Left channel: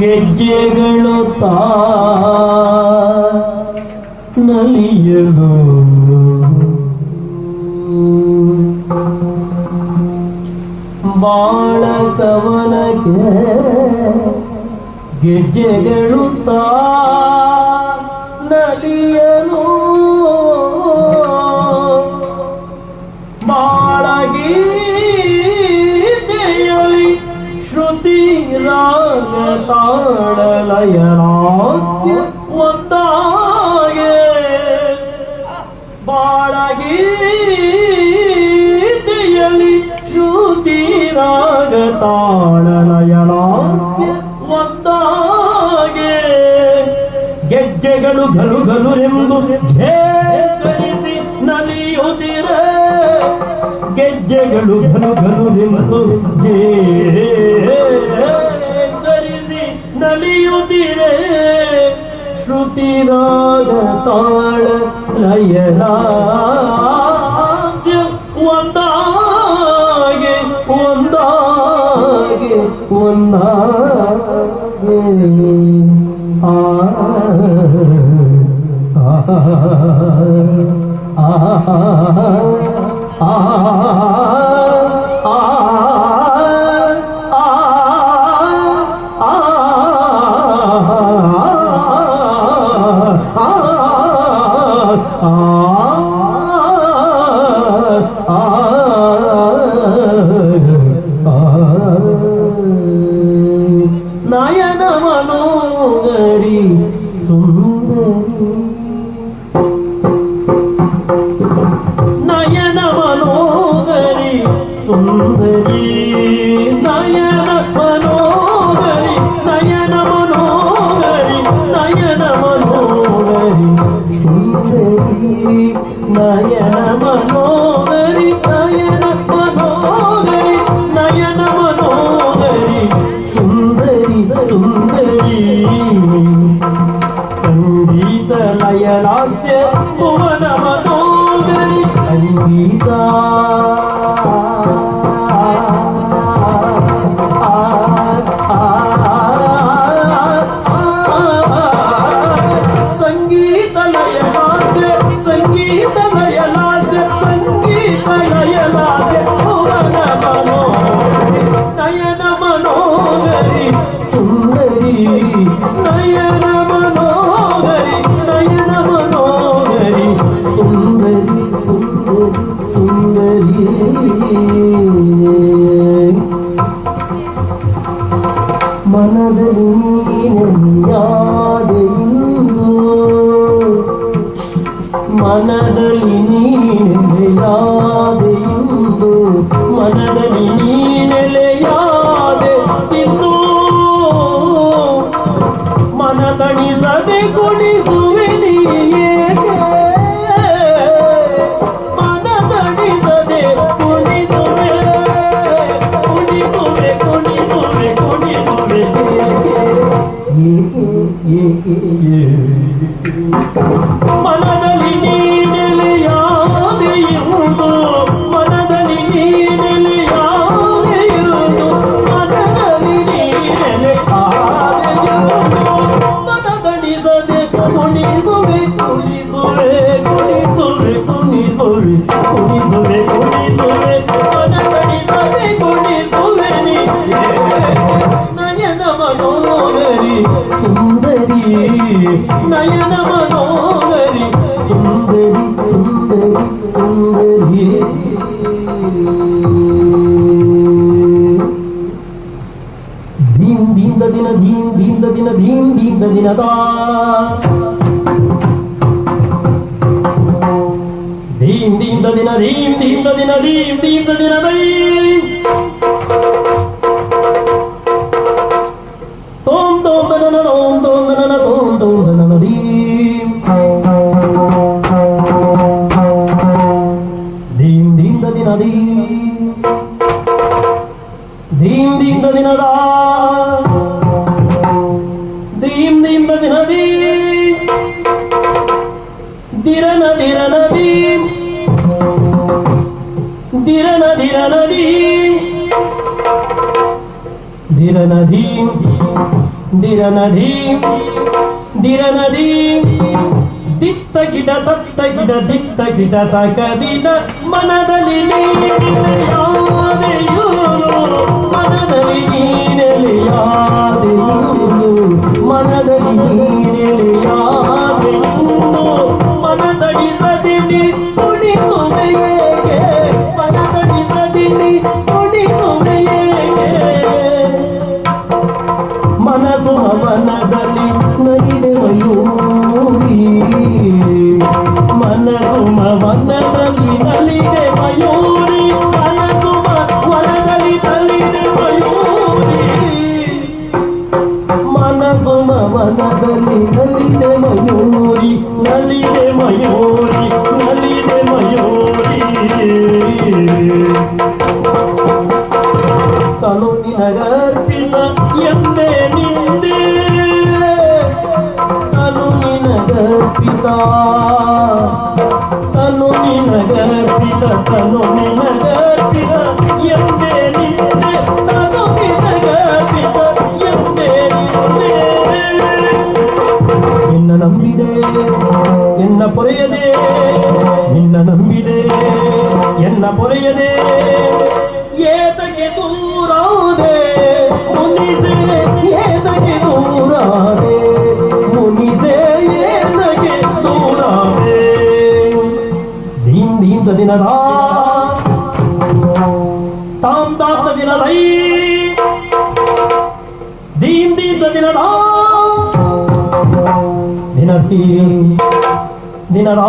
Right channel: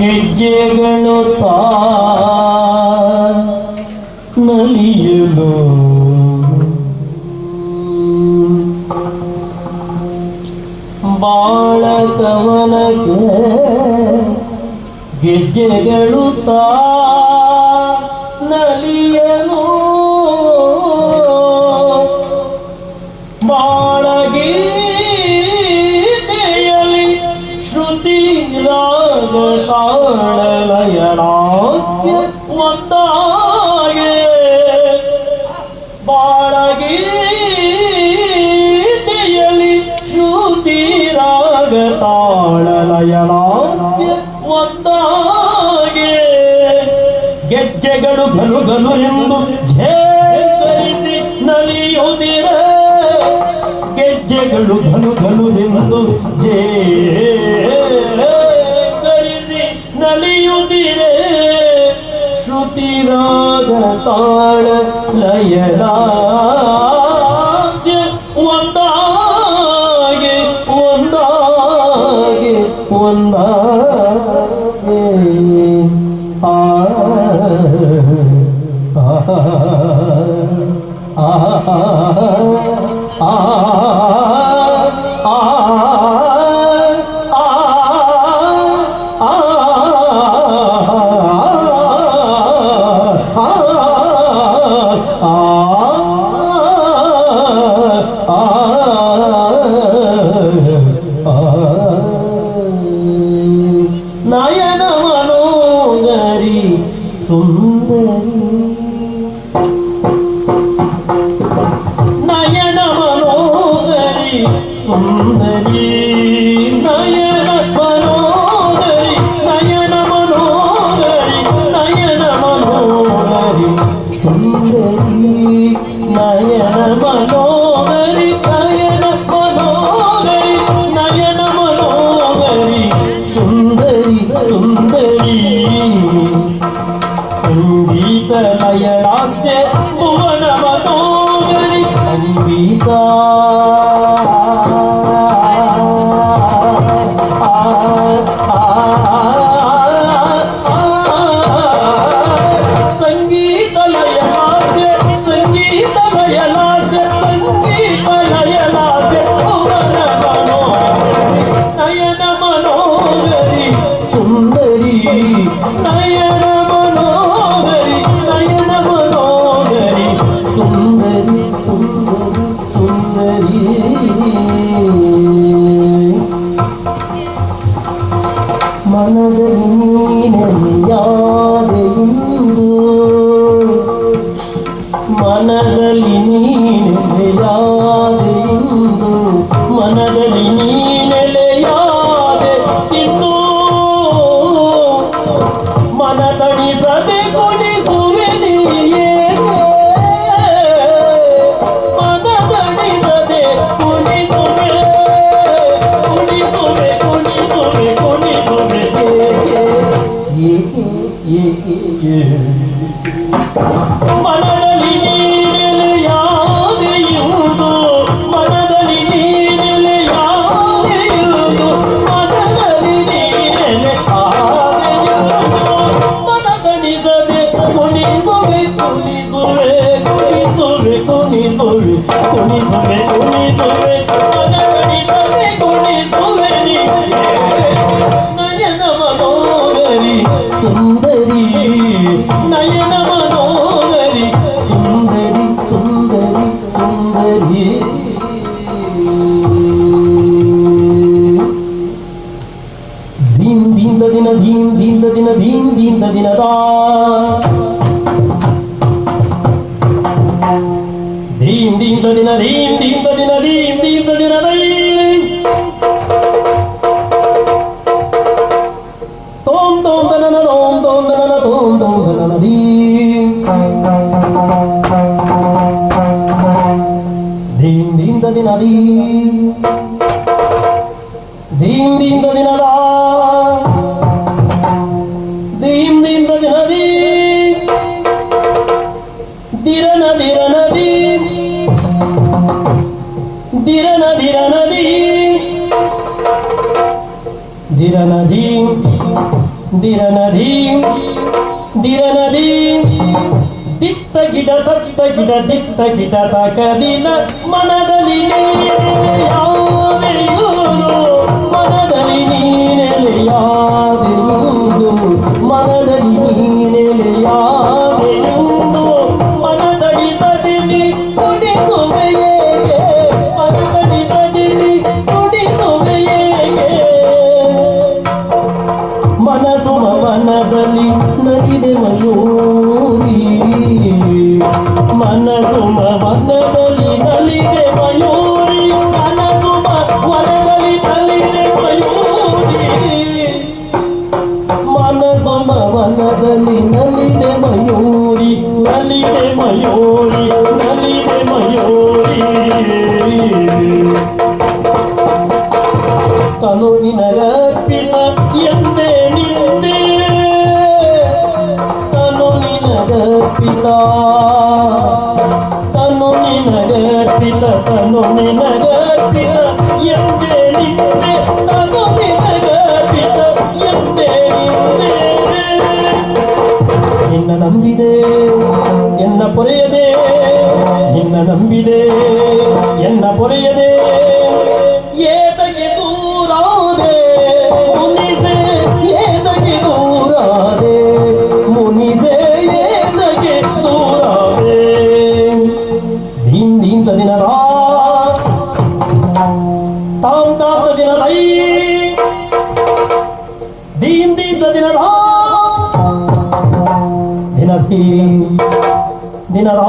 ಗೆಜ್ಜೆಗಳು ನಲಿಯಲು ಬಾಳ ಗಮನಕ್ಕೆ ಗೆಜ್ಜೆಗಳು ನಲಿಯಲು ಬಾಳಗೀತೆಯಲಿ ಶ್ರುತಿ ರಾಗ ತಾಳಲಯನಾಸ್ಯ ಒಂದಾಗೆ ಬಾಳಗೀತೆಯಲಿ ಶ್ರುತಿ ರಾಗ ತಾಳಲಯನಾಸ್ಯ ಒಂದಾಗೆ ಗೆಜ್ಜೆಗಳು ಗಲು ಗಲು ಎಂದು ಝೇಕರಿಸಿ ನಲಿಯುತ್ತಿರೆ ಗೆಜ್ಜೆಗಳು ಘನು ಘನು ಎಂದು ಝೇಕರಿಸಿ ನಲಿಯುತ್ತಿರೆ ಶ್ರುತಿ ರಾಗ ತಾಳ ಲಯನಾಸ್ಯ ಒಂದಾಗೆ ಒಂದಾಗೆ ಒಂದಾಗೆ ಆ ನಯನ ಮನೋಗರಿ ಸುಂದರಿ ನಯನ ಮನೋಗರಿ ಸುಂದರಿ ನಯನ ಮನೋಗರಿ ನಯನ ಮನೋಗರಿ ನಯನ ಮನೋಗರಿ ಸುಂದರಿ ನಯನ ಮನೋಗರಿ ನಯನ ಮನೋಗರಿ ನಯನ ಮನೋಗರಿ ಸುಂದರಿ ಸುಂದರಿ ಸಂಗೀತ ಲಯಲಾಸ್ಯ ಭುವನ ಮನೋಗರಿ ಸಂಗೀತ ಸಂಗೀತ ಲಯಲಾಸ್ಯ ಸಂಗೀತ ಲಯಲಾಸ್ಯ ಸಂಗೀತ ಲಯಲಾಸ್ಯ ಭುವನ ಮನೋಗರಿ ನಯನ ಮನೋಗರಿ ಸುಂದರಿ ನಯನ ಮನೋಗರಿ ನಯನ ಮನೋಗರಿ ಸುಂದರಿ ಸುಂದರಿ ಸುಂದರಿ ಮನದಲ್ಲಿ ನೀನೆಯಾದೆಂದು ಮನದಲ್ಲಿ ನೀನೆಯಾದೆಂದು ಮನದಲ್ಲಿ ನೀನೆಲೆಯಾದೆ ತಿಂದು ಮನದಣಿಸದೆ ಕುಣಿಸುವೆ ನೀಯೇಕೆ ಮನದಣಿಸದೆ ಕುಣಿಸುವೆ ಕುಣಿಸುವೆ ಕುಣಿಸುವೆ ಕುಣಿಸುವೆ ಏಕೆ ಏಕೆ ಏಕೆ ಮನದಲ್ಲಿ ನೀನೆಲೆಯಾದೆಯುವುದು ಮನದಲ್ಲಿ ನೀನೆಲೆಯಾದೆಯುವುದು ಮನದಲ್ಲಿ ನೀನೆಲೆಯಾದೆಯುವುದು ಮನದಣಿಸದೆ ಕುಣಿಸುವೆ ಕುಣಿಸುವೆ ಕುಣಿಸುವೆ ಕುಣಿಸುವೆ ಕುಣಿಸುವೆ ಕುಣಿಸುವೆ ಮನದಣಿಸದೆ ಕುಣಿಸುವೆ ನೀನೆ ನಯನ ಮನೋಗರಿ ಸುಂದರಿ ನಯನ ಮನೋಗರಿ ಸುಂದರಿ ಸುಂದರಿ ಸುಂದರಿ ದೀನ್ ದೀನ ದಿನ ದೀನ್ ದೀನ ದಿನ ದೀನ್ ದೀನ ದಿನದ ದೀನ್ ದೀನ ದಿನ ದೀನ್ ದೀನ ದಿನ ದೀನ್ ದೀನ ದಿನ ತೋಂ ತೋಂ ಗಣನ ತೋಂ ತೋಂ ಗಣನ ತೋಂ ತೋಂ ಗಣನ ದೀನ್ ದೀನ್ ದೀನ ದಿನ ದೀನ್ ದೀನ್ ದೀನ ದಿನದ ದೀನ್ ದೀನ ದಿನ ದೀನ್ ದಿರನ ದಿರನ ದೀನ್ ದಿರನ ದಿರನ ದೀನ್ ದಿರನದಿ ದಿರನದಿ ದಿರನದಿ ದಿತ್ತ ಗಿಡ ದತ್ತ ಗಿಡ ದಿತ್ತ ಗಿಡ ತಗದಿನ ಮನದಲ್ಲಿ ನೀನೆಲೆಯಾದೆಯೋ ಮನದಲ್ಲಿ ನೀನೆಲೆಯಾದೆಯೋ ಮನದಲ್ಲಿ ನೀನೆಲೆಯಾದೆಯೋ ಮನದಡಿ ಸದಿನಿ ಕುಡಿಸುವೆಯೇ ಮನದಡಿ ಸದಿನಿ ಕುಡಿಸುವೆಯೇ ಮನಸ್ಸು ಮನದಲ್ಲಿ ನಲಿದೆ ಮಯೂರಿ ಮನಸ್ಸು ಮನದಲ್ಲಿ ನಲಿದೆ ಮಯೂರಿ ಮನಸ್ಸು ಮನದಲ್ಲಿ ನಲಿದೆ ಮಯೂರಿ ಮನಸ್ಸು ಮನದಲ್ಲಿ ನಲಿದೆ ಮಯೂರಿ ನಲಿದೆ ಮಯೂರಿ ನಲಿದೆ ಮಯೂರಿ ತನು ನಿನಗರ್ಪಿತ ಎಂದೇ ನಿಂದೆ ತನು ನಿನಗರ್ಪಿತ ತನು ನಿನಗರ್ಪಿತ ತನು ನಿನಗರ್ಪಿತ ಎಂದೇ ನಿಂದೆ ತನು ನಿನಗರ್ಪಿತ ಎಂದೇ ನಿಂದೆ ನಿನ್ನ ನಂಬಿದೆ ಎನ್ನ ಪೊರೆಯದೆ ನಿನ್ನ ನಂಬಿದೆ ಎನ್ನ ಪೊರೆಯದೆ ಏತಕ್ಕೆ ದೂರಾದೆ ಮುನಿಸೆ ಏತಕ್ಕೆ ದೂರಾದೆ ಮುನಿಸೆ ಏತಕ್ಕೆ ದೂರಾದೆ ದೀನ್ ದೀನ್ ದಿನದ ತಾಮ್ ತಾಮ್ ದಿನದೈ ದೀನ್ ದೀನ್ ದಿನದ ದಿನದಿ ದಿನದ